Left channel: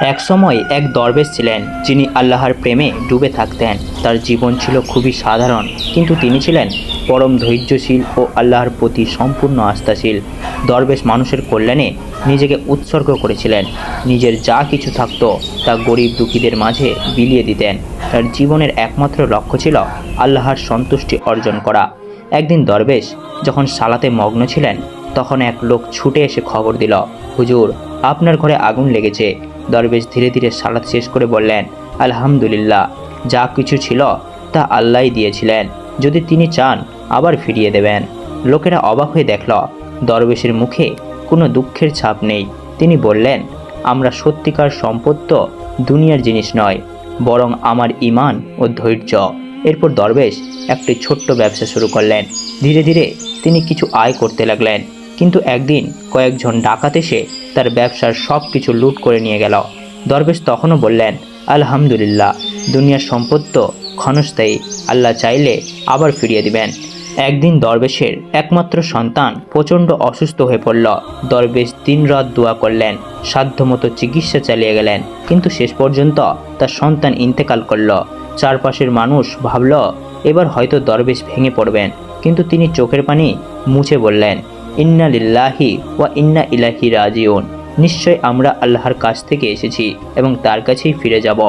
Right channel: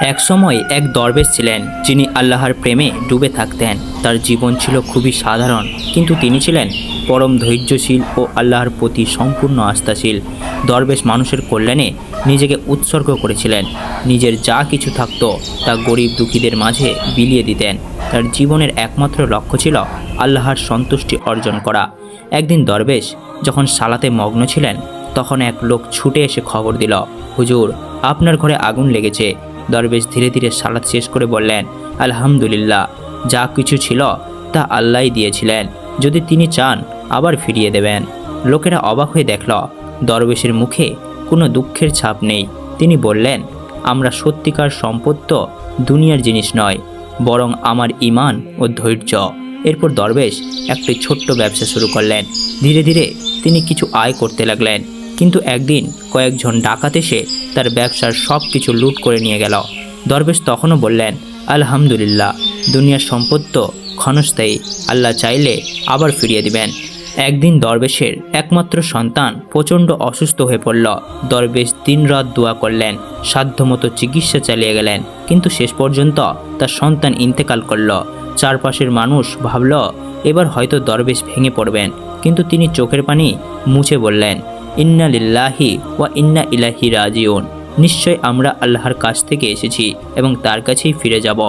একসময় এক দরবেশ ছিলেন, যিনি আল্লাহর প্রেমে ডুবে থাকতেন। তার জীবন ছিল খুবই সাধারণ, কিন্তু তিনি ছিলেন পরম ধৈর্যশীল ও আল্লাহর প্রতি সম্পূর্ণ আস্থাশীল। দরবেশ মানুষের কল্যাণে নিজেকে উৎসর্গ করেছিলেন। নিজের যা কিছু থাকত, তা গরিব দুঃখীদের মাঝে বিলিয়ে দিতেন। তার জীবনের একমাত্র লক্ষ্য ছিল আল্লাহর সন্তুষ্টি অর্জন করা। একদিন দরবেশ যখন সালাতে মগ্ন ছিলেন, তখন এক লোক ছুটে এসে খবর দিল, হুজুর, আপনার ঘরে আগুন লেগেছে। দরবেশ ধীরে ধীরে সালাদ শেষ করে বললেন, আলহামদুলিল্লাহ, যা কিছু ছিল তা আল্লাহই দিয়েছিলেন। যদি তিনি চান, আবার ফিরিয়ে দেবেন। লোকেরা অবাক হয়ে দেখল, দরবেশের মুখে কোনো দুঃখের ছাপ নেই। তিনি বললেন, আমরা সত্যিকার সম্পদ তো দুনিয়ার জিনিস নয়, বরং আমার ইমান ও ধৈর্য। এরপর দরবেশ একটি ছোট্ট ব্যবসা শুরু করলেন। ধীরে ধীরে তিনি কিছু আয় করতে লাগলেন। কিন্তু একদিন কয়েকজন ডাকাত এসে তার ব্যবসার সব কিছু লুট করে নিয়ে গেল। দরবেশ তখনও বললেন, আলহামদুলিল্লাহ, দুনিয়ার সম্পদ তো ক্ষণস্থায়ী। আল্লাহ চাইলে আবার ফিরিয়ে দিবেন। একদিন দরবেশের একমাত্র সন্তান প্রচণ্ড অসুস্থ হয়ে পড়ল। দরবেশ দিনরাত দোয়া করলেন, সাধ্যমতো চিকিৎসা চালিয়ে গেলেন। কিন্তু শেষ পর্যন্ত তার সন্তান ইন্তেকাল করল। চারপাশের মানুষ ভাবল, এবার হয়তো দরবেশ ভেঙে পড়বেন। কিন্তু তিনি চোখের পানি মুছে বললেন ইন্না লিল্লাহি ওয়া ইন্না ইলাহি রাজিউন। নিশ্চয় আমরা আল্লাহর কাছ থেকে এসেছি এবং তার কাছেই ফিরে যাব।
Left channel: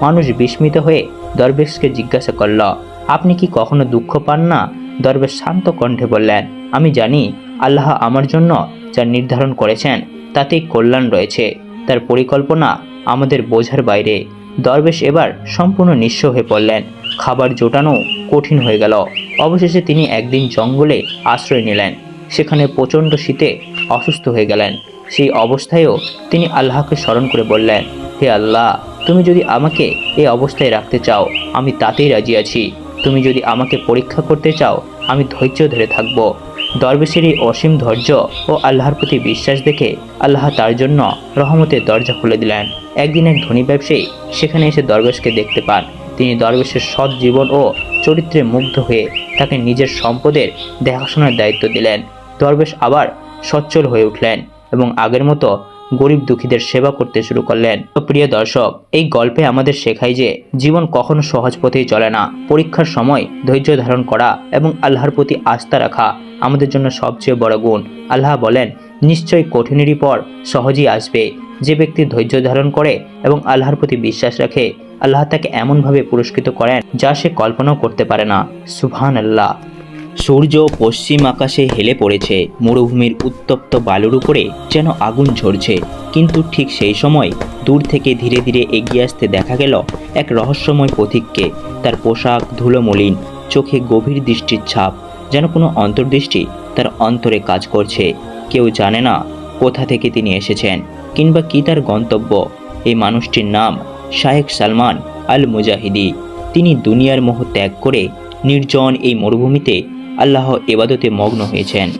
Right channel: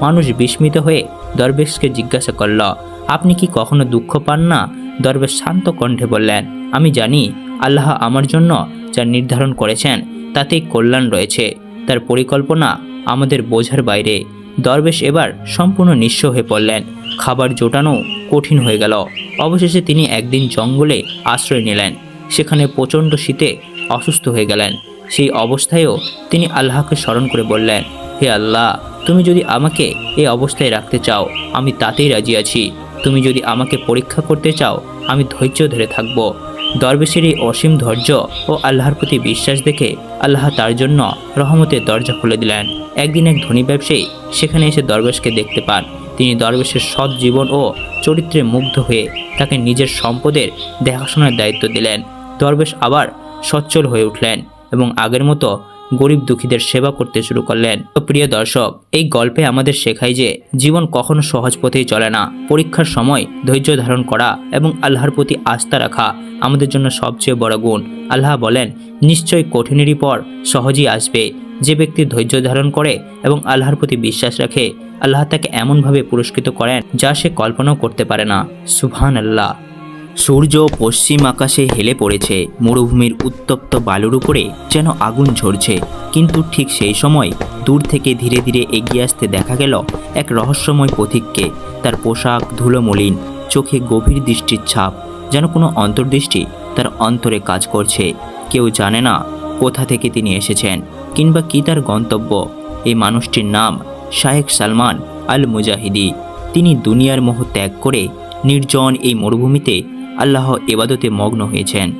মানুষ বিস্মিত হয়ে দরবেশকে জিজ্ঞাসা করল, আপনি কি কখনো দুঃখ পান না? দরবেশ শান্ত কণ্ঠে বললেন, আমি জানি আল্লাহ আমার জন্য যা নির্ধারণ করেছেন, তাতেই কল্যাণ রয়েছে। তার পরিকল্পনা আমাদের বোঝার বাইরে। দরবেশ এবার সম্পূর্ণ নিঃস্ব হয়ে পড়লেন। খাবার জোটানো কঠিন হয়ে গেল। অবশেষে তিনি একদিন জঙ্গলে আশ্রয় নিলেন। সেখানে প্রচণ্ড শীতে অসুস্থ হয়ে গেলেন। সেই অবস্থায়ও তিনি আল্লাহকে স্মরণ করে বললেন, হে আল্লাহ, তুমি যদি আমাকে এই অবস্থায় রাখতে চাও, আমি তাতেই রাজি আছি। তুমি যদি আমাকে পরীক্ষা করতে চাও, আমি ধৈর্য ধরে থাকব। দরবেশের এই অসীম ধৈর্য ও আল্লাহর প্রতি বিশ্বাস দেখে আল্লাহ তার জন্য রহমতের দরজা খুলে দিলেন। একদিন এক ধনী ব্যবসায়ী সেখানে এসে দরবেশকে দেখতে পান। তিনি দরবেশের সৎ জীবন ও চরিত্রে মুগ্ধ হয়ে তাকে নিজের সম্পদের দেখাশোনার দায়িত্ব দিলেন। দরবেশ আবার সচ্ছল হয়ে উঠলেন এবং আগের মতো গরিব দুঃখীদের সেবা করতে শুরু করলেন। প্রিয় দর্শক, এই গল্পে আমাদের শেখায় যে জীবন কখনো সহজ পথেই চলে না। পরীক্ষার সময় ধৈর্য ধারণ করা এবং আল্লাহর প্রতি আস্থা রাখা আমাদের জন্য সবচেয়ে বড় গুণ। আল্লাহ বলেন নিশ্চয়ই কঠিনেরই পর সহজেই আসবে। যে ব্যক্তি ধৈর্য ধারণ করে এবং আল্লাহর প্রতি বিশ্বাস রাখে, আল্লাহ তাকে এমনভাবে পুরস্কৃত করেন যা সে কল্পনাও করতে পারে না। সুবহান আল্লাহ সূর্য পশ্চিম আকাশে হেলে পড়েছে। মরুভূমির উত্তপ্ত বালুর উপরে যেন আগুন ঝরছে। কিন্তু ঠিক সেই সময় দূর থেকে ধীরে ধীরে এগিয়ে আসতে দেখা গেল এক রহস্যময় পথিককে। তার পোশাক ধুলোমলিন, চোখে গভীর দৃষ্টির ছাপ, যেন কোনো অন্তর্দৃষ্টি তার অন্তরে কাজ করছে। কেউ জানে না কোথা থেকে তিনি এসেছেন, কিংবা কি তার গন্তব্য। এই মানুষটির নাম শায়েখ সালমান আল মুজাহিদি তিনি দুনিয়ার মোহ ত্যাগ করে নির্জন এই মরুভূমিতে আল্লাহ এবাদতে মগ্ন হয়েছেন।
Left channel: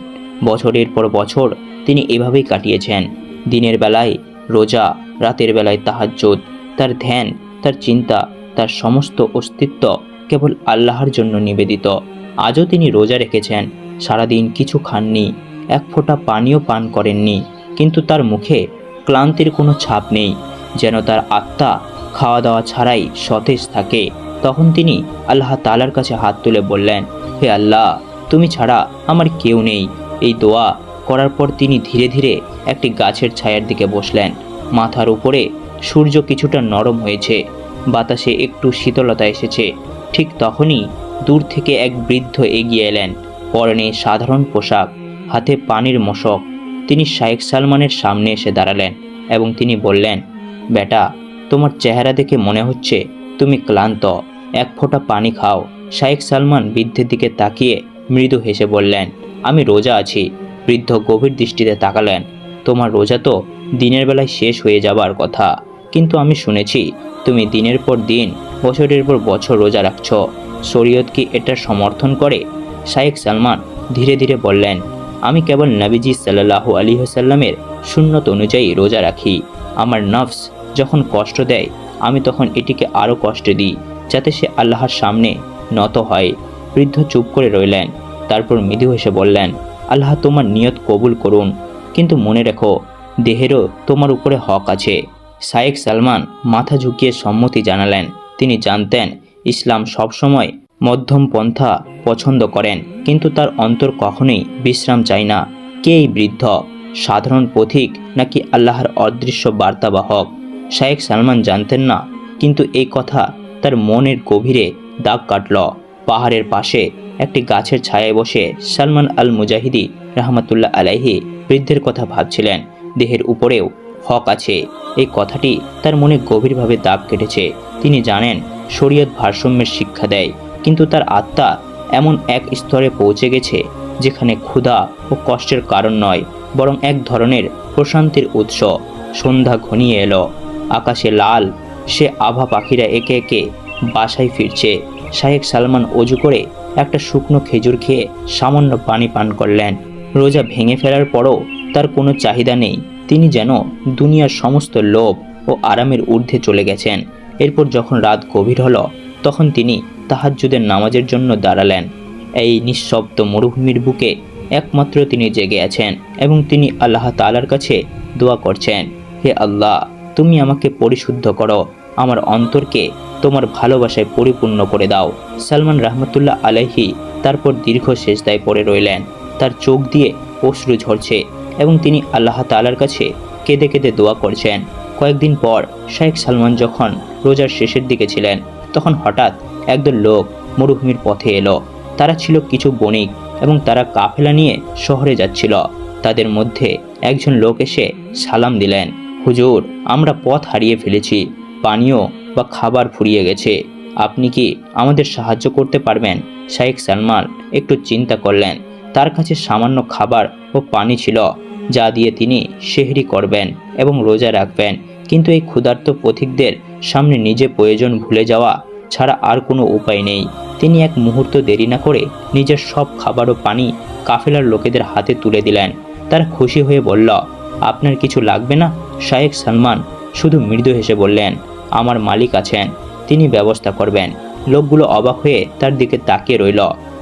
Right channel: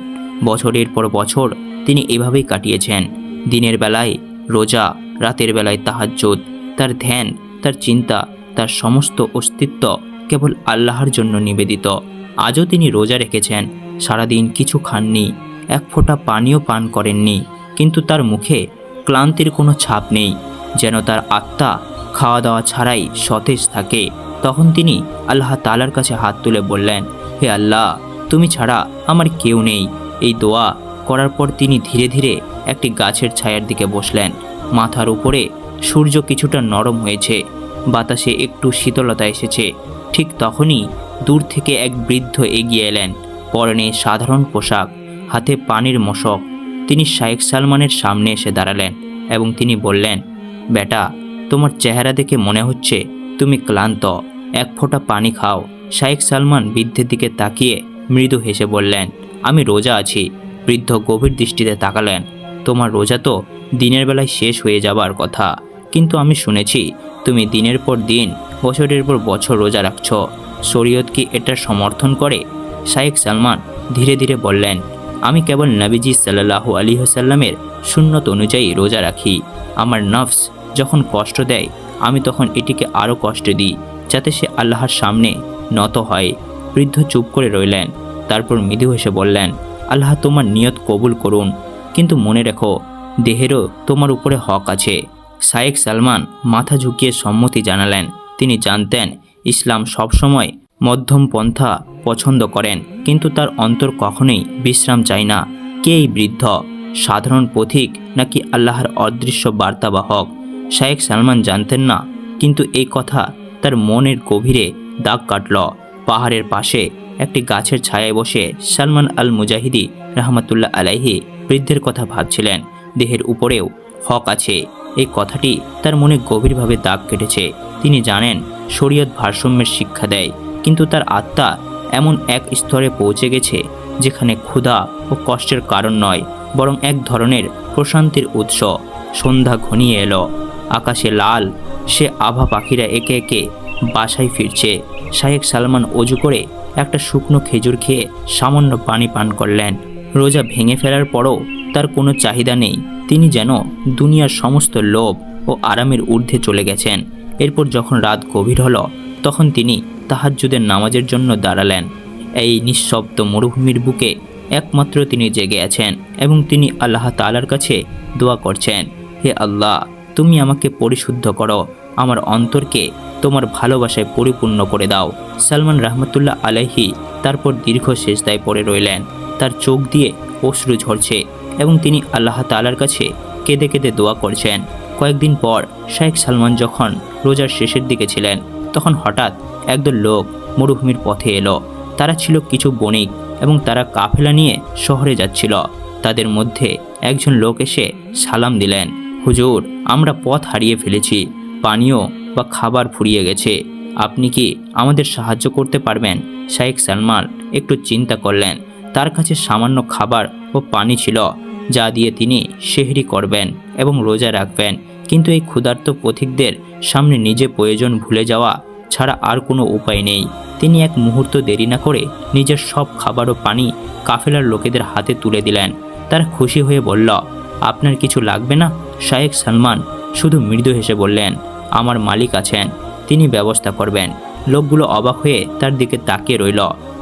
বছরের পর বছর তিনি এভাবেই কাটিয়েছেন। দিনের বেলায় রোজা, রাতের বেলায় তাহাজ্জুদ, তার ধ্যান, তার চিন্তা, তার সমস্ত অস্তিত্ব কেবল আল্লাহর জন্য নিবেদিত। আজও তিনি রোজা রেখেছেন। সারাদিন কিছু খাননি, এক ফোঁটা পানিও পান করেননি। কিন্তু তার মুখে ক্লান্তির কোনো ছাপ নেই। যেন তার আত্মা খাওয়া দাওয়া ছাড়াই সতেজ থাকে, তখন তিনি আল্লাহ তালার কাছে হাত তুলে বললেন, হে আল্লাহ তুমি ছাড়া আমার কেউ নেই। এই দোয়া করার পর তিনি ধীরে ধীরে একটি গাছের ছায়ার দিকে বসলেন। মাথার উপরে সূর্য কিছুটা নরম হয়েছে। বাতাসে একটু শীতলতা এসেছে। ঠিক তখনই দূর থেকে এক বৃদ্ধ এগিয়ে এলেন। পরনে সাধারণ পোশাক, হাতে পানির মশক। তিনি শায়েখ সালমানের সামনে এসে দাঁড়ালেন এবং তিনি বললেন, বেটা, তোমার চেহারা দেখে মনে হচ্ছে তুমি ক্লান্ত। এক ফোঁটা পানি খাও। শায়েখ সালমান বৃদ্ধের দিকে তাকিয়ে মৃদু হেসে বললেন, আমি রোজা আছি। বৃদ্ধ গভীর দৃষ্টিতে তাকালেন। তোমার রোজা তো দিনের বেলায় শেষ হয়ে যাবার কথা। কিন্তু আমি শুনেছি, তুমি দিনের পর দিন, বছরের পর বছর রোজা রাখছ। শরীয়ত কি এটা সমর্থন করে? শায়েখ সালমান ধীরে ধীরে বললেন, আমি কেবল নবীজি সাল্লাহু আলী হাসাল্লামের শূন্যত অনুযায়ী রোজা রাখি। আমার নফস যখন কষ্ট দেয়, আমি তখন এটিকে আরও কষ্ট দিই, যাতে সে আল্লাহর সামনে নত হয়। বৃদ্ধ চুপ করে রইলেন। তারপর মৃদু হেসে বললেন, আল্লাহ তোমার নিয়ত কবুল করুন। কিন্তু মনে রেখো, দেহেরও তোমার উপরে হক আছে। শায়েক সালমান মাথা ঝুঁকিয়ে সম্মতি জানালেন। তিনি জানতেন, ইসলাম সবসময় মধ্যম পন্থা পছন্দ করেন, কিন্তু তার অন্তর কখনোই বিশ্রাম চায় না। কে এই বৃদ্ধ? সাধারণ পথিক নাকি আল্লাহর অদৃশ্য বার্তাবাহক? শায়েক সালমান জানতেন না, কিন্তু এই কথা তার মনের গভীরে দাগ কাটল। পাহাড়ের পাশে একটি গাছের ছায়ায় বসে সালমান আল মুজাহিদি রহমতুল্লাহ আলাইহি বৃদ্ধের কথা ভাবছিলেন। দেহের উপরেও হক আছে। এই কথাটি তার মনে গভীরভাবে দাগ কেটেছে। তিনি জানেন, শরীয়ত ভারসাম্যের শিক্ষা দেয়, কিন্তু তার আত্মা এমন এক স্তরে পৌঁছে গেছে যেখানে ক্ষুধা ও কষ্টের কারণ নয়, বরং এক ধরনের প্রশান্তির উৎস। সন্ধ্যা ঘনিয়ে এলো। আকাশে লাল, সে আভা পাখিরা একে একে বাসায় ফিরছে। শাহেক সালমান অজু করে একটা শুকনো খেজুর খেয়ে সামান্য পানি পান করলেন। রোজা ভেঙে ফেলার পরও তার কোনো চাহিদা নেই। তিনি যেন দুনিয়ার সমস্ত লোভ ও আরামের ঊর্ধ্বে চলে গেছেন। এরপর যখন রাত গভীর হল, তখন তিনি তাহাজ্জুদের নামাজের জন্য দাঁড়ালেন। এই নিঃশব্দ মরুভূমির বুকে একমাত্র তিনি জেগে আছেন এবং তিনি আল্লাহ তালার কাছে দোয়া করছেন, হে আল্লাহ, তুমি আমাকে পরিশুদ্ধ করো। আমার অন্তরকে তোমার ভালোবাসায় পরিপূর্ণ করে দাও। সালমান রহমতুল্লাহ আলাইহি তারপর দীর্ঘ শেষদায় পড়ে রইলেন। তার চোখ দিয়ে অশ্রু ঝরছে এবং তিনি আল্লাহ তালার কাছে কেঁদে কেঁদে দোয়া করছেন। কয়েকদিন পর শেখ সালমান যখন রোজার শেষের দিকে ছিলেন, তখন হঠাৎ একদল লোক মরুভূমির পথে এলো। তারা ছিল কিছু বণিক এবং তারা কাফেলা নিয়ে শহরে যাচ্ছিল। তাদের মধ্যে একজন লোক এসে সালাম দিলেন, হুজুর, আমরা পথ হারিয়ে ফেলেছি। পানীয় বা খাবার ফুরিয়ে গেছে। আপনি কি আমাদের সাহায্য করতে পারবেন? শাইখ সালমান একটু চিন্তা করলেন। তার কাছে সামান্য খাবার ও পানি ছিল, যা দিয়ে তিনি সেহরি করবেন এবং রোজা রাখবেন। কিন্তু এই ক্ষুধার্ত পথিকদের সামনে নিজে প্রয়োজন ভুলে যাওয়া ছাড়া আর কোনো উপায় নেই। তিনি এক মুহূর্ত দেরি না করে নিজের সব খাবার ও পানি কাফেলার লোকেদের হাতে তুলে দিলেন। তারা খুশি হয়ে বলল, আপনার কিছু লাগবে না? শায়েক সালমান শুধু মৃদু হেসে বললেন, আমার মালিক আছেন, তিনি ব্যবস্থা করবেন। লোকগুলো অবাক হয়ে তার দিকে তাকিয়ে রইল।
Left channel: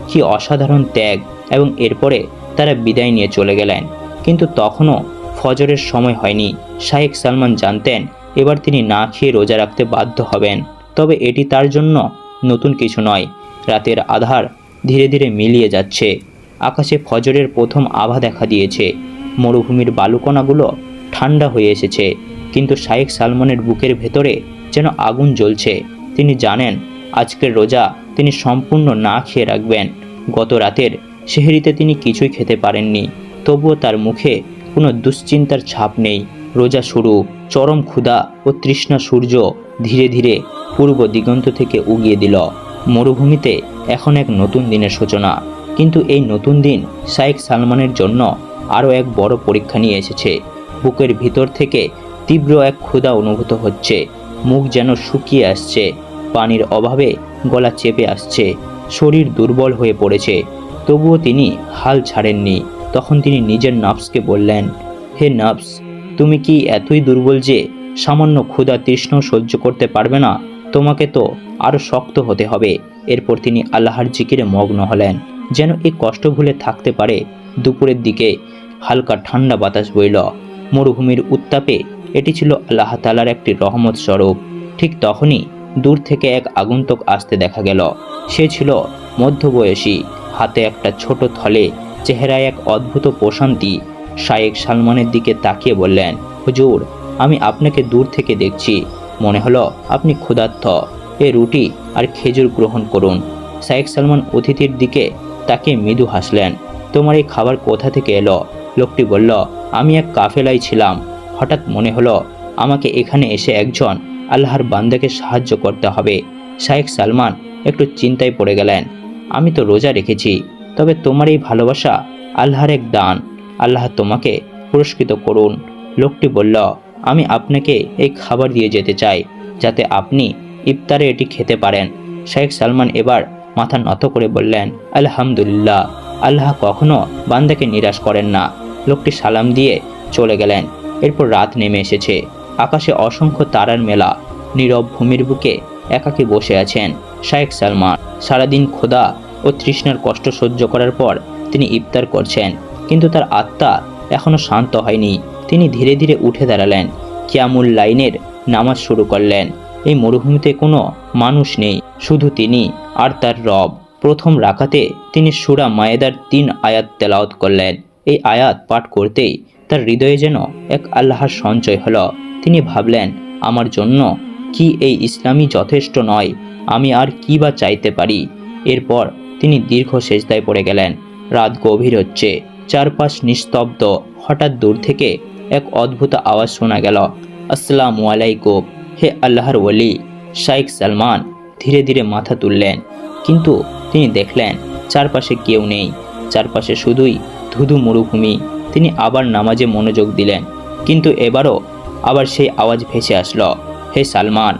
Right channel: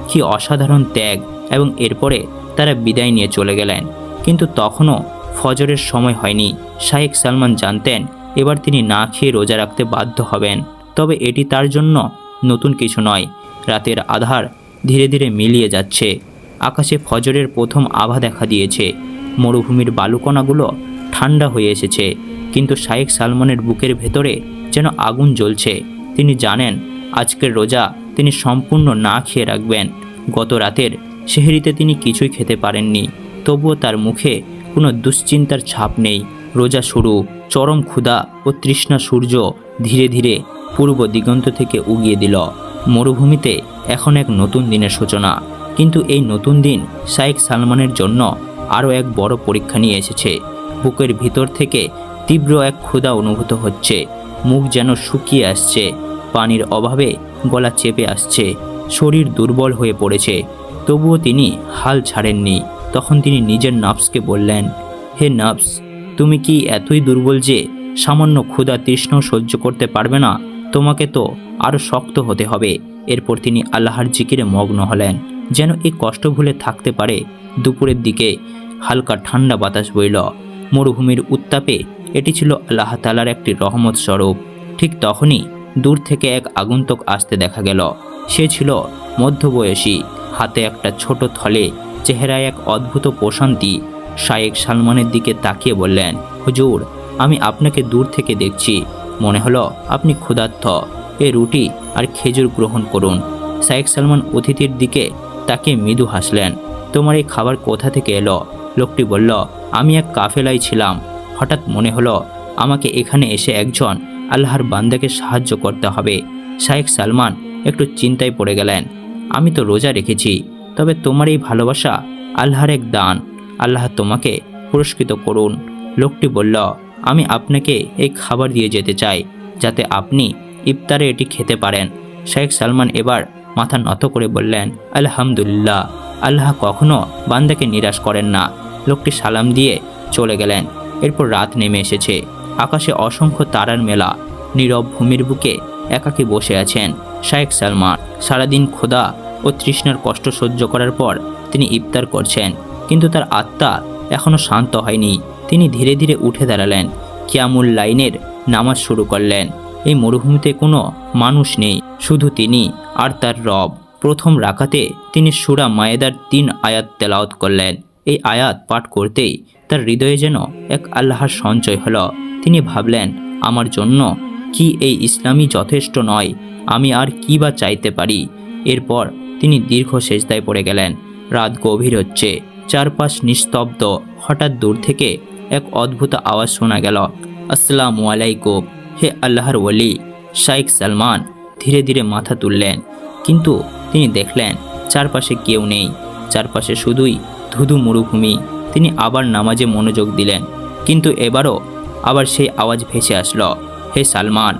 কি অসাধারণ ত্যাগ এবং এরপরে তারা বিদায় নিয়ে চলে গেলেন। কিন্তু তখনও ফজরের সময় হয়নি। শায়েক সালমান জানতেন, এবার তিনি না খেয়ে রোজা রাখতে বাধ্য হবেন। তবে এটি তার জন্য নতুন কিছু নয়। রাতের আধার ধীরে ধীরে মিলিয়ে যাচ্ছে। আকাশে ফজরের প্রথম আভা দেখা দিয়েছে। মরুভূমির বালুকণাগুলো ঠান্ডা হয়ে এসেছে। কিন্তু শায়েক সালমানের বুকের ভেতরে যেন আগুন জ্বলছে। তিনি জানেন, আজকের রোজা তিনি সম্পূর্ণ না খেয়ে রাখবেন। গত রাতের সেহেরিতে তিনি কিছুই খেতে পারেননি। তবুও তার মুখে কোনো দুশ্চিন্তার ছাপ নেই। রোজা শুরু, চরম ক্ষুধা ও তৃষ্ণা সূর্য ধীরে ধীরে পূর্ব দিগন্ত থেকে উগিয়ে দিল। মরুভূমিতে এখন এক নতুন দিনের সূচনা। কিন্তু এই নতুন দিন শাইখ সালমানের জন্য আরও এক বড় পরীক্ষা নিয়ে এসেছে। বুকের ভিতর থেকে তীব্র এক ক্ষুধা অনুভূত হচ্ছে। মুখ যেন শুকিয়ে আসছে। পানির অভাবে গলা চেপে আসছে। শরীর দুর্বল হয়ে পড়েছে। তবুও তিনি হাল ছাড়েননি। তখন তিনি নিজের নফসকে বললেন, হে নফস তুমি কি এতই দুর্বল যে সামান্য ক্ষুধা তৃষ্ণ সহ্য করতে পারবে না? তোমাকে তো আরও শক্ত হতে হবে এরপর তিনি আল্লাহর জিকিরে মগ্ন হলেন। যেন এই কষ্ট ভুলে থাকতে পারে, দুপুরের দিকে হালকা ঠান্ডা বাতাস বইল। মরুভূমির উত্তাপে এটি ছিল আল্লাহ তালার একটি রহমত স্বরূপ। ঠিক তখনই দূর থেকে এক আগন্তুক আসতে দেখা গেল। সে ছিল মধ্যবয়সী, হাতে একটা ছোট থলে, চেহারায় এক অদ্ভুত প্রশান্তি। শায়েক সালমানের দিকে তাকিয়ে বললেন, হুজুর, আমি আপনাকে দূর থেকে দেখছি। মনে হলো আপনি ক্ষুধার্থ এ রুটি আর খেজুর গ্রহণ করুন। শায়েক সালমান অতিথির দিকে তাকে মৃদু হাসলেন। তোমার এই খাবার কোথা থেকে এলো? লোকটি বলল আমি এক কাফেলায় ছিলাম। হঠাৎ মনে হলো, আমাকে এখানে এসে একজন আল্লাহর বান্দাকে সাহায্য করতে হবে। শায়েক সালমান একটু চিন্তায় পড়ে গেলেন, আমি তো রোজা রেখেছি, তবে তোমার এই ভালোবাসা আল্লাহর এক দান। আল্লাহ তোমাকে পুরস্কৃত করুন। লোকটি বলল, আমি আপনাকে এই খাবার দিয়ে যেতে চাই, যাতে আপনি ইফতারে এটি খেতে পারেন। শেখ সালমান এবার মাথা নত করে বললেন, আলহামদুলিল্লাহ, আল্লাহ কখনো বান্দাকে নিরাশ করেন না। লোকটি সালাম দিয়ে চলে গেলেন। এরপর রাত নেমে এসেছে। আকাশে অসংখ্য তারার মেলা। নীরব ভূমির বুকে একাকী বসে আছেন শায়েখ সালমান। সারাদিন খোদা ও তৃষ্ণার কষ্ট সহ্য করার পর তিনি ইফতার করছেন। কিন্তু তার আত্মা এখনও শান্ত হয়নি। তিনি ধীরে ধীরে উঠে দাঁড়ালেন। কিয়ামুল লাইনের নামাজ শুরু করলেন। এই মরুভূমিতে কোনো মানুষ নেই। শুধু তিনি আর তার রব। প্রথম রাকাতে তিনি সুরা মায়েদার তিন আয়াত তেলাওত করলেন। এই আয়াত পাঠ করতেই তার হৃদয়ে যেন এক আল্লাহর সঞ্চয় হলো। তিনি ভাবলেন, আমার জন্য কি এই ইসলামই যথেষ্ট নয়? আমি আর কি বা চাইতে পারি? এরপর তিনি দীর্ঘ সেজদায় পড়ে গেলেন। রাত গভীর হচ্ছে, চারপাশ নিস্তব্ধ। হঠাৎ দূর থেকে এক অদ্ভুত আওয়াজ শোনা গেল, আসসালামু আলাইকুম, হে আল্লাহর ওলি। শাইখ সালমান ধীরে ধীরে মাথা তুললেন, কিন্তু তিনি দেখলেন, চারপাশে কেউ নেই। চারপাশে শুধুই ধুধু মরুভূমি। তিনি আবার নামাজে মনোযোগ দিলেন। কিন্তু এবারও আবার সেই আওয়াজ ভেসে আসলো, হে সালমান,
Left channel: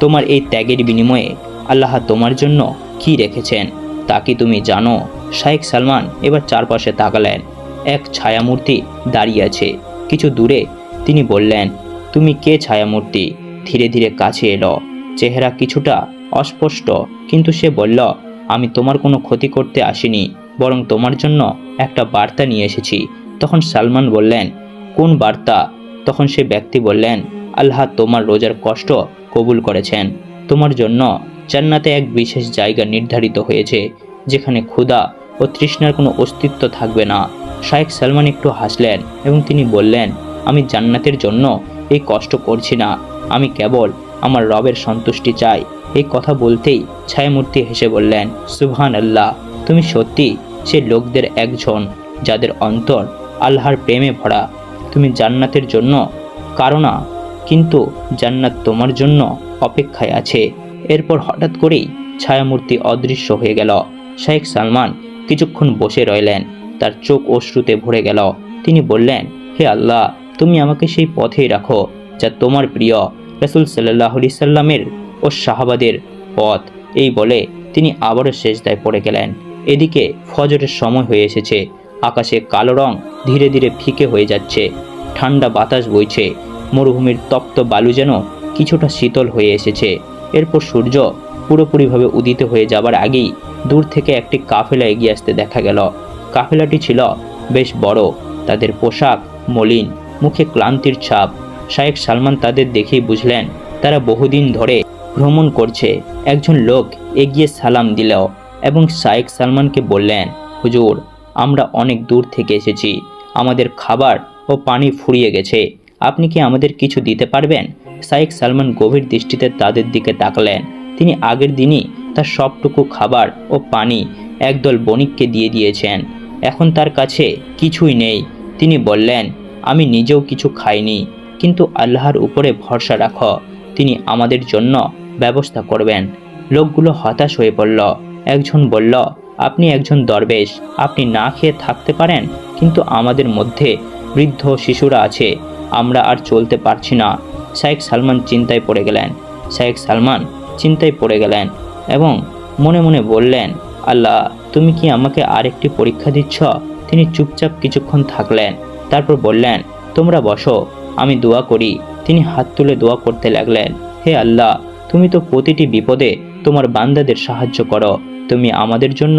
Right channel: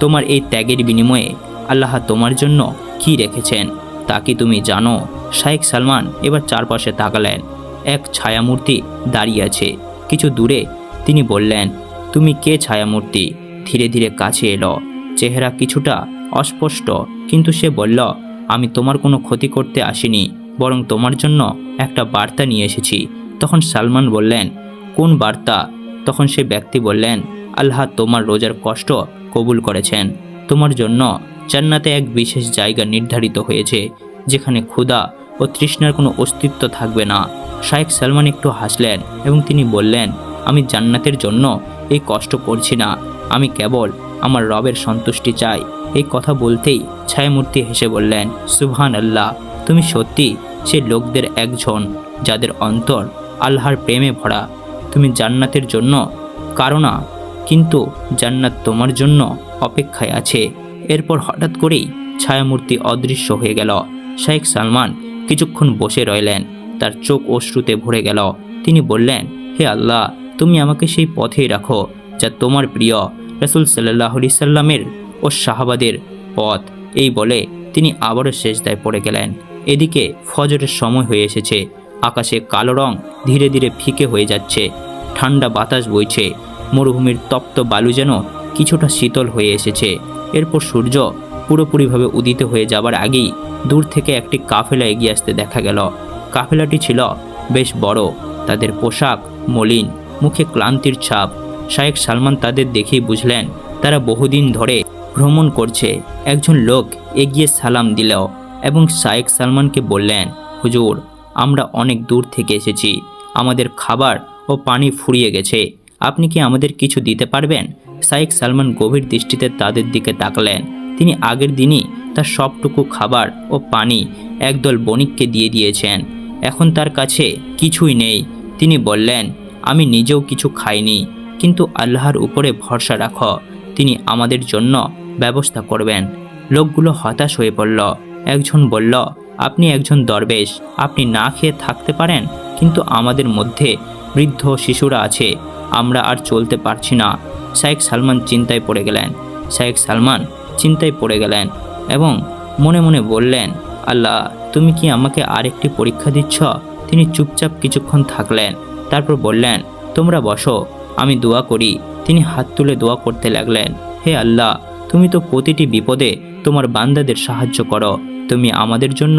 তোমার এই ত্যাগের বিনিময়ে আল্লাহ তোমার জন্য কি রেখেছেন? তা কি তুমি জানো? শাইখ সালমান এবার চারপাশে তাকালেন। এক ছায়ামূর্তি দাঁড়িয়ে আছে। কিছু দূরে তিনি বললেন, তুমি কে ছায়ামূর্তি? ধীরে ধীরে কাছে এলো। চেহারা কিছুটা অস্পষ্ট, কিন্তু সে বলল, আমি তোমার কোনো ক্ষতি করতে আসিনি। বরং তোমার জন্য একটা বার্তা নিয়ে এসেছি। তখন সালমান বললেন, কোন বার্তা? তখন সে ব্যক্তি বললেন, আল্লাহ তোমার রোজার কষ্ট কবুল করেছেন। তোমার জন্য জান্নাতে এক বিশেষ জায়গা নির্ধারিত হয়েছে, যেখানে ক্ষুধা ও তৃষ্ণার কোনো অস্তিত্ব থাকবে না। শাইখ সালমান একটু হাসলেন এবং তিনি বললেন, আমি জান্নাতের জন্য এই কষ্ট করছি না। আমি কেবল আমার রবের সন্তুষ্টি চাই। এই কথা বলতেই ছায়ামূর্তি হেসে বললেন সুবহান আল্লাহ তুমি সত্যি সে লোকদের একজন যাদের অন্তর আল্লাহর প্রেমে ভরা। তুমি জান্নাতের জন্য কারণা কিন্তু জান্নাত তোমার জন্য অপেক্ষায় আছে। এরপর হঠাৎ করেই ছায়ামূর্তি অদৃশ্য হয়ে গেল। শেখ সালমান কিছুক্ষণ বসে রইলেন। তার চোখ অশ্রুতে ভরে গেল। তিনি বললেন, হে আল্লাহ, তুমি আমাকে সেই পথেই রাখো যা তোমার প্রিয়। রসুল সাল্লাহ সাল্লামের ও শাহাবাদের পথ। এই বলে তিনি আবারও শেষদায় পড়ে গেলেন। এদিকে ফজরের সময় হয়ে এসেছে। আকাশে কালো রং ধীরে ধীরে ফিকে হয়ে যাচ্ছে। ঠান্ডা বাতাস বইছে। মরুভূমির তপ্ত বালু যেন কিছুটা শীতল হয়ে এসেছে। এরপর সূর্য পুরোপুরিভাবে উদিত হয়ে যাবার আগেই দূর থেকে একটি কাফেলা এগিয়ে আসতে দেখা গেল। কাফেলাটি ছিল বেশ বড়, তাদের পোশাক মলিন, মুখে ক্লান্তির ছাপ। শায়েখ সালমান তাদের দেখেই বুঝলেন, তারা বহুদিন ধরে ভ্রমণ করছে। একজন লোক এগিয়ে সালাম দিল। এবং শায়েখ সালমানকে বললেন, হুজুর, আমরা অনেক দূর থেকে এসেছি। আমাদের খাবার ও পানি ফুরিয়ে গেছে। আপনি কি আমাদের কিছু দিতে পারবেন? শাইখ সালমান গভীর দৃষ্টিতে তাদের দিকে তাকলেন। তিনি আগের দিনই তার সবটুকু খাবার ও পানি একদল বণিককে দিয়ে দিয়েছেন। এখন তার কাছে কিছুই নেই। তিনি বললেন, আমি নিজেও কিছু খাইনি, কিন্তু আল্লাহর উপরে ভরসা রাখো। তিনি আমাদের জন্য ব্যবস্থা করবেন। লোকগুলো হতাশ হয়ে পড়ল। একজন বলল, আপনি একজন দরবেশ, আপনি না খেয়ে থাকতে পারেন, কিন্তু আমাদের মধ্যে বৃদ্ধ শিশুরা আছে, আমরা আর চলতে পারছি না। শাইখ সালমান চিন্তায় পড়ে গেলেন। শাইখ সালমান চিন্তায় পড়ে গেলেন এবং মনে মনে বললেন, আল্লাহ, তুমি কি আমাকে আরেকটি পরীক্ষা দিচ্ছ? তিনি চুপচাপ কিছুক্ষণ থাকলেন, তারপর বললেন, তোমরা বসো, আমি দোয়া করি। তিনি হাত তুলে দোয়া করতে লাগলেন, হে আল্লাহ তুমি তো প্রতিটি বিপদে তোমার বান্দাদের সাহায্য করো। তুমি আমাদের জন্য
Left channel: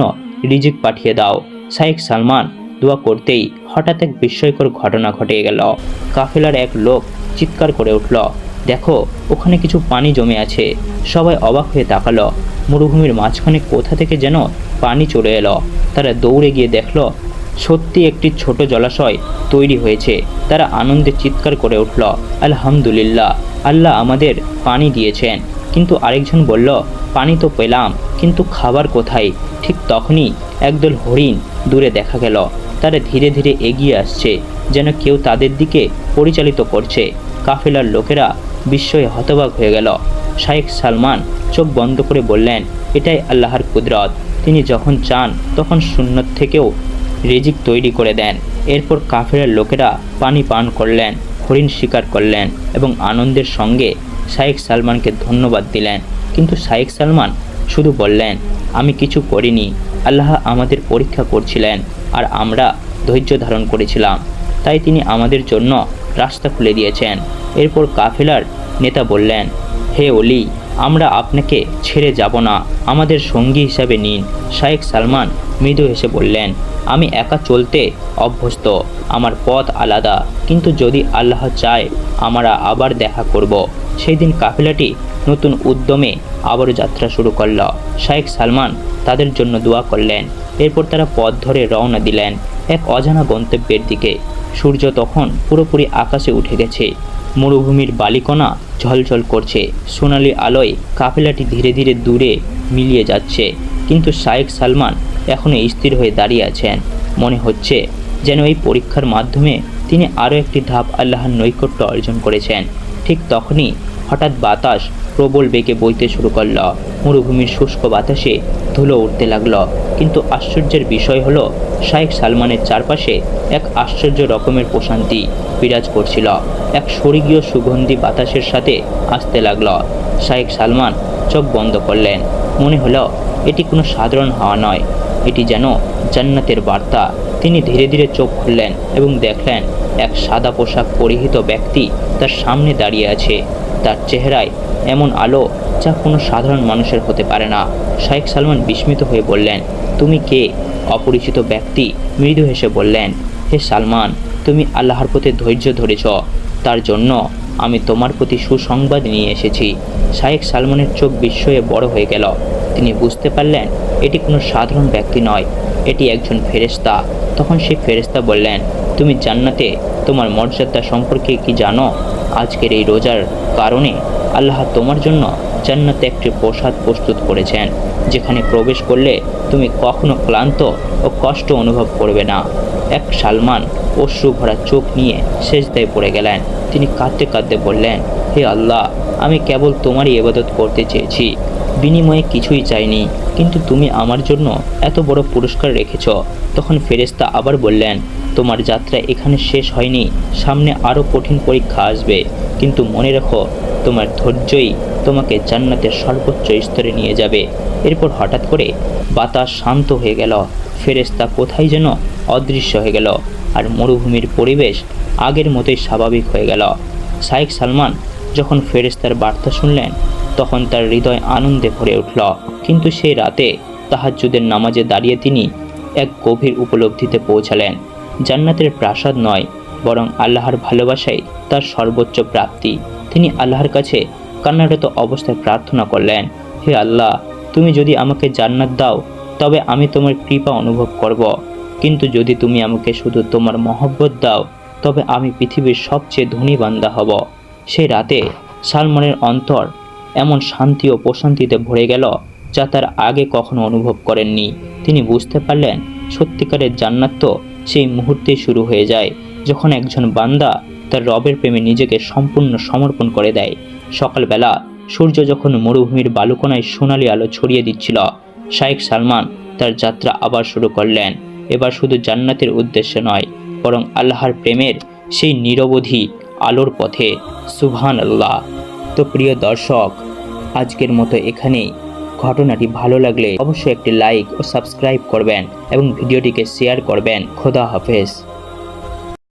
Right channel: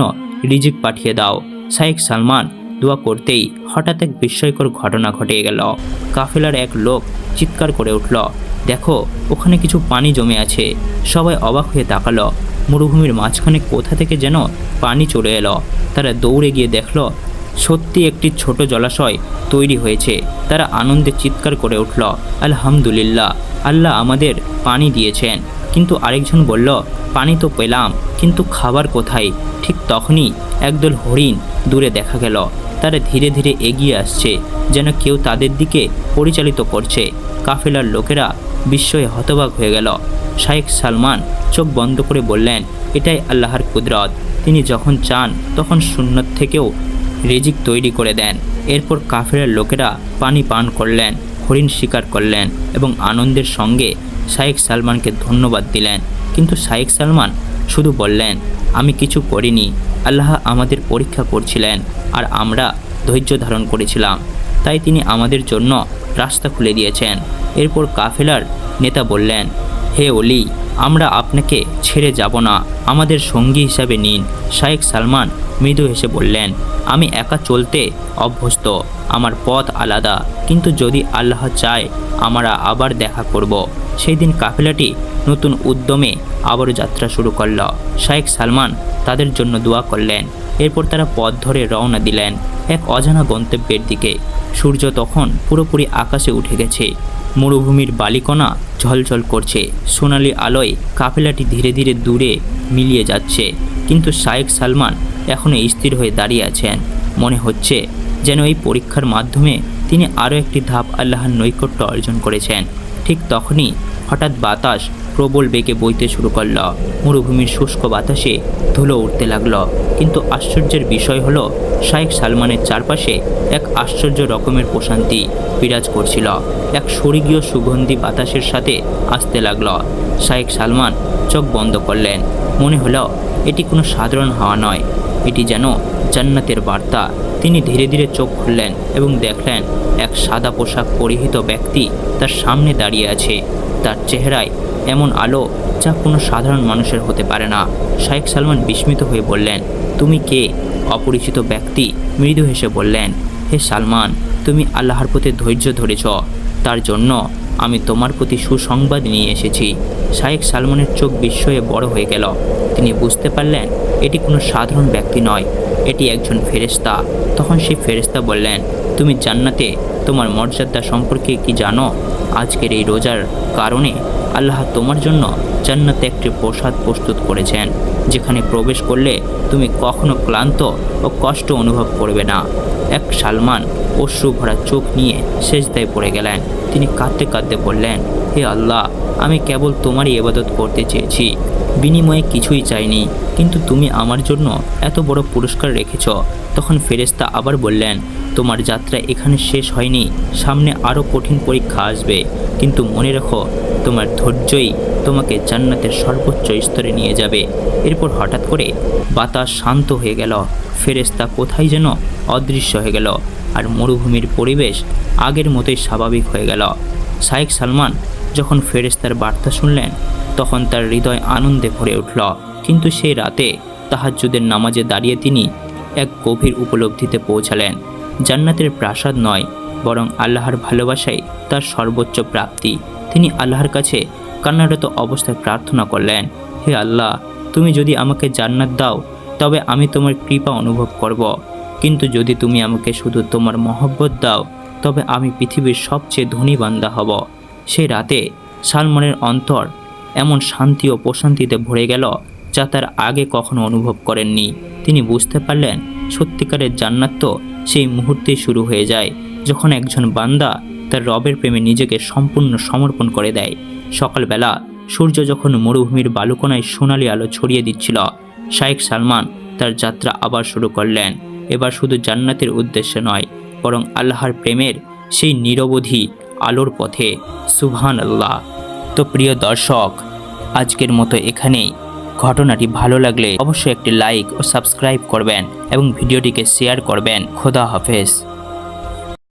রিজিক পাঠিয়ে দাও। শাইখ সালমান দোয়া করতেই হঠাৎ এক বিস্ময়কর ঘটনা ঘটে গেল। কাফেলার এক লোক চিৎকার করে উঠল, দেখো, ওখানে কিছু পানি জমে আছে। সবাই অবাক হয়ে তাকালো। মরুভূমির মাঝখানে কোথা থেকে যেন পানি চলে এলো। তারা দৌড়ে গিয়ে দেখল, সত্যি একটি ছোট জলাশয় তৈরি হয়েছে। তারা আনন্দে চিৎকার করে উঠল, আলহামদুলিল্লাহ, আল্লাহ আমাদের পানি দিয়েছেন। কিন্তু আরেকজন বলল, পানি তো পেলাম, কিন্তু খাবার কোথায়? ঠিক তখনই একদল হরিণ দূরে দেখা গেল। তারা ধীরে ধীরে এগিয়ে আসছে, যেন কেউ তাদের দিকে পরিচালিত করছে। কাফেলার লোকেরা বিস্ময়ে হতবাক হয়ে গেল। শাইখ সালমান চোখ বন্ধ করে বললেন, এটাই আল্লাহর কুদরত। তিনি যখন চান, তখন শূন্য থেকেও রেজিক তৈরি করে দেন। এরপর কাফেরার লোকেরা পানি পান করলেন, হরিণ শিকার করলেন এবং আনন্দের সঙ্গে শাইখ সালমানকে ধন্যবাদ দিলেন। কিন্তু শাইখ সালমান শুধু বললেন, আমি কিছু করিনি আল্লাহ আমাদের পরীক্ষা করছিলেন আর আমরা ধৈর্য ধারণ করেছিলাম। তাই তিনি আমাদের জন্য রাস্তা খুলে দিয়েছেন। এরপর কাফেলার নেতা বললেন, হে অলি আমরা আপনাকে ছেড়ে যাব না। আমাদের সঙ্গী হিসাবে নিন। শায়েখ সালমান মৃদু হেসে বললেন, আমি একা চলতে অভ্যস্ত। আমার পথ আলাদা। কিন্তু যদি আল্লাহ চায়, আমরা আবার দেখা করব। সেই দিন কাফেলাটি নতুন উদ্যমে আবারও যাত্রা শুরু করল। শায়েখ সালমান তাদের জন্য দোয়া করলেন। এরপর তারা পথ ধরে রওনা দিলেন। এক অজানা গন্তব্যের দিকে। সূর্য তখন পুরোপুরি আকাশে উঠে গেছে। মরুভূমির বালিকণা ঝলঝল করছে। সোনালি আলোয় কাফেলাটি ধীরে ধীরে দূরে মিলিয়ে যাচ্ছে। কিন্তু শায়েখ সালমান এখনও স্থির হয়ে দাঁড়িয়ে আছেন। মনে হচ্ছে যেন এই পরীক্ষার মাধ্যমে তিনি আরও একটি ধাপ আল্লাহর নৈকট্য অর্জন করেছেন। ঠিক তখনই হঠাৎ বাতাস প্রবল বেগে বইতে শুরু করল। মরুভূমির শুষ্ক বাতাসে ধুলো উঠতে লাগল। কিন্তু আশ্চর্যের বিষয় হলো শায়েখ সালমানের চারপাশে এক আশ্চর্য রকমের প্রশান্তি বিরাজ করছিল। এক স্বর্গীয় সুগন্ধি বাতাসের সাথে আসতে লাগল। শায়েখ সালমান চোখ বন্ধ করলেন। মনে হলো, এটি কোনো সাধারণ হাওয়া নয়। এটি যেন জান্নাতের বার্তা। তিনি ধীরে ধীরে চোখ খুললেন এবং দেখলেন, এক সাদা পোশাক পরিহিত ব্যক্তি তার সামনে দাঁড়িয়ে আছে। তার চেহারায় এমন আলো যা কোনো সাধারণ মানুষের হতে পারে না। শাইখ সালমান বিস্মিত হয়ে বললেন, তুমি কে? অপরিচিত ব্যক্তি মৃদু হেসে বললেন, হে সালমান, তুমি আল্লাহর প্রতি ধৈর্য ধরেছ। তার জন্য আমি তোমার প্রতি সুসংবাদ নিয়ে এসেছি। শায়েখ সালমানের চোখ বিস্ময়ে বড় হয়ে গেল। তিনি বুঝতে পারলেন, এটি কোনো সাধারণ ব্যক্তি নয়, এটি একজন ফেরেস্তা তখন সেই ফেরেস্তা বললেন, তুমি জান্নাতে তোমার মর্যাদা সম্পর্কে কি জানো? আজকের এই রোজার কারণে আল্লাহ তোমার জন্য জান্নাতে একটি প্রসাদ প্রস্তুত করেছেন, যেখানে প্রবেশ করলে তুমি কখনো ক্লান্ত ও কষ্ট অনুভব করবে না। এক সালমান অশ্রু ভরা চোখ নিয়ে শেষদায় পড়ে গেলেন। তিনি কাঁদতে কাঁদতে বললেন, হে আল্লাহ, আমি কেবল তোমারই ইবাদত করতে চেয়েছি। বিনিময়ে কিছুই চাইনি, কিন্তু তুমি আমার জন্য এত বড় পুরস্কার রেখেছ। তখন ফেরেস্তা আবার বললেন, তোমার যাত্রা এখানে শেষ হয়নি, সামনে আরও কঠিন পরীক্ষা আসবে। কিন্তু মনে রেখো তোমার ধৈর্যই তোমাকে জান্নাতের সর্বোচ্চ স্তরে নিয়ে যাবে। এরপর হঠাৎ করে বাতাস শান্ত হয়ে গেল। ফেরেস্তা কোথায় যেন অদৃশ্য হয়ে গেল আর মরুভূমির পরিবেশ আগের মতোই স্বাভাবিক হয়ে গেল। শাইখ সালমান যখন ফেরেস্তার বার্তা শুনলেন, তখন তার হৃদয় আনন্দে ভরে উঠল। কিন্তু সেই রাতে তাহাজ্জুদের নামাজে দাঁড়িয়ে তিনি এক গভীর উপলব্ধিতে পৌঁছালেন। জান্নাতের প্রাসাদ নয়, বরং আল্লাহর ভালোবাসাই তার সর্বোচ্চ প্রাপ্তি। তিনি আল্লাহর কাছে কান্নারত অবস্থায় প্রার্থনা করলেন, হে আল্লাহ, তুমি যদি আমাকে জান্নাত দাও, তবে আমি তোমার কৃপা অনুভব করব। কিন্তু যদি তুমি আমাকে শুধু তোমার মহব্বত দাও, তবে আমি পৃথিবীর সবচেয়ে ধনী বান্দা হব। সেই রাতে সালমানের অন্তর এমন শান্তি ও প্রশান্তিতে ভরে গেল, যা তার আগে কখনো অনুভব করেননি। তিনি বুঝতে পারলেন, সত্যিকারের জান্নাত তো সেই মুহূর্তেই শুরু হয়ে যায়, যখন একজন বান্দা তার রবের প্রেমে নিজেকে সম্পূর্ণ সমর্পণ করে দেয়। সকালবেলা সূর্য যখন মরুভূমির বালুকোনায় সোনালি আলো ছড়িয়ে দিচ্ছিল শাইখ সালমান তার যাত্রা আবার শুরু করলেন। এবার শুধু জান্নাতের উদ্দেশ্যে নয়, বরং আল্লাহর প্রেমের সেই নিরবধি আলোর পথে। সুবহান আল্লাহ তো প্রিয় দর্শক, আজকের মতো এখানেই। ঘটনাটি ভালো লাগলে অবশ্যই একটি লাইক ও সাবস্ক্রাইব করবেন এবং ভিডিওটিকে শেয়ার করবেন। খোদা হাফেজ।